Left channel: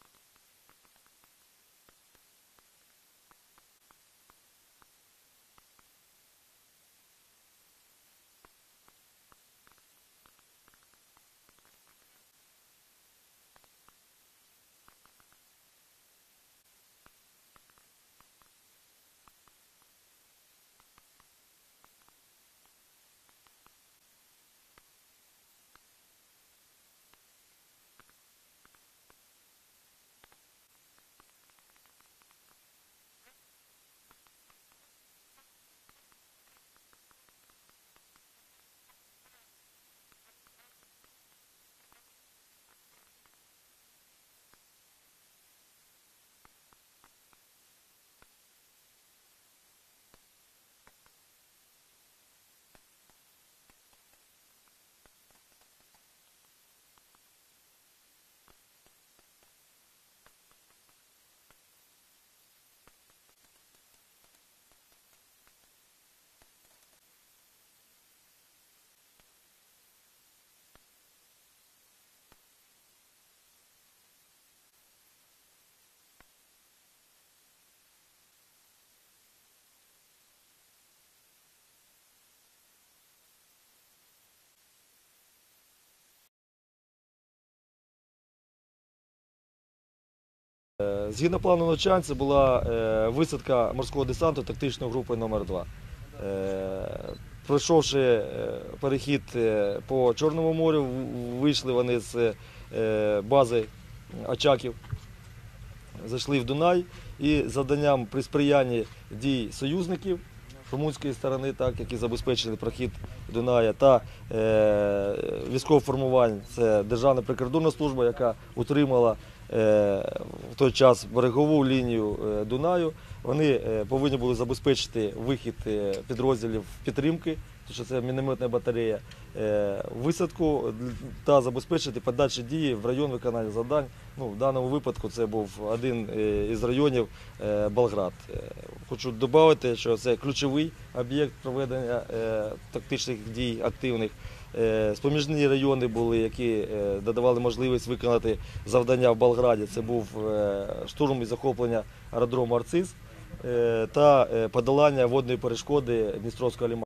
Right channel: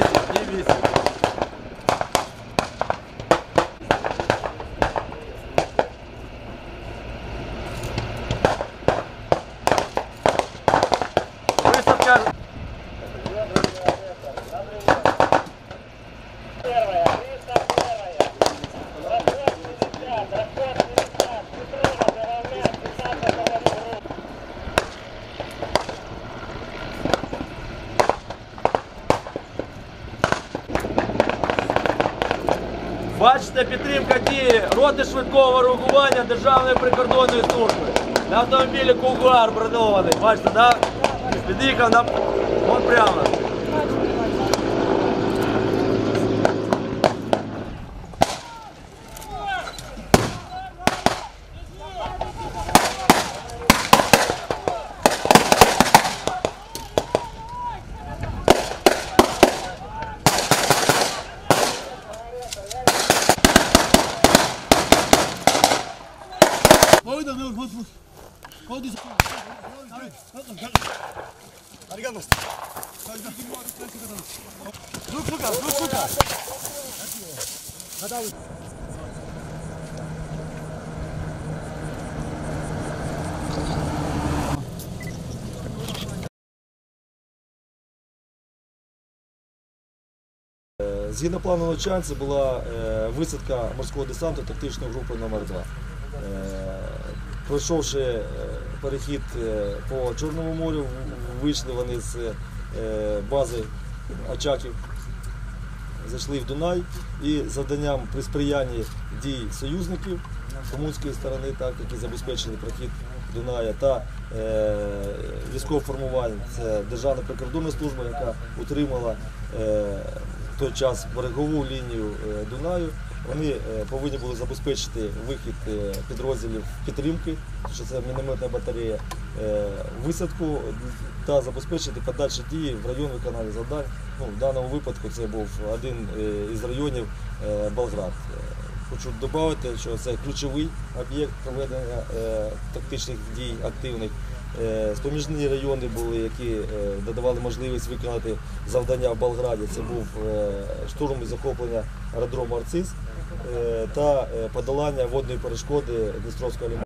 10, 10. Бачите, підтримка дії роти швидкого реагування Державної прикордонної служби. На автомобілі Кугуар бронований. Бачите, да? Під'їхав на вон прямо. Pojď, Arigato. Look, look, look, look. Згідно плану навчань, це була е, висадка морського десанту тактичної групи номер 2 Пройшовши е, перехід е, по Чорному морю, вийшли вони з е, бази Очаків, зайшли в Дунай. І завданням при сприянні дій союзників румунської сторони, так, які забезпечили прохід Дуная, та е, військових формувань, це Державна прикордонна служба, яка утримала е, в той час берегову лінію е, Дунаю. Вони е, повинні були забезпечити вихід е, підрозділів підтримки, що це мінометна батарея, е, висадку та забезпечити подальші дії в район виконання завдань. Ну, в даному випадку це був один із районів Болград. Хочу додати, що це ключовий об'єкт проведення е, тактичних дій активних. Е, Споміжні райони були, які е, додавали можливість виконати завдання в Болграді. Це був е, штурм і захоплення аеродрому Арциз е, та е, подолання водної перешкоди Дністровського ліману.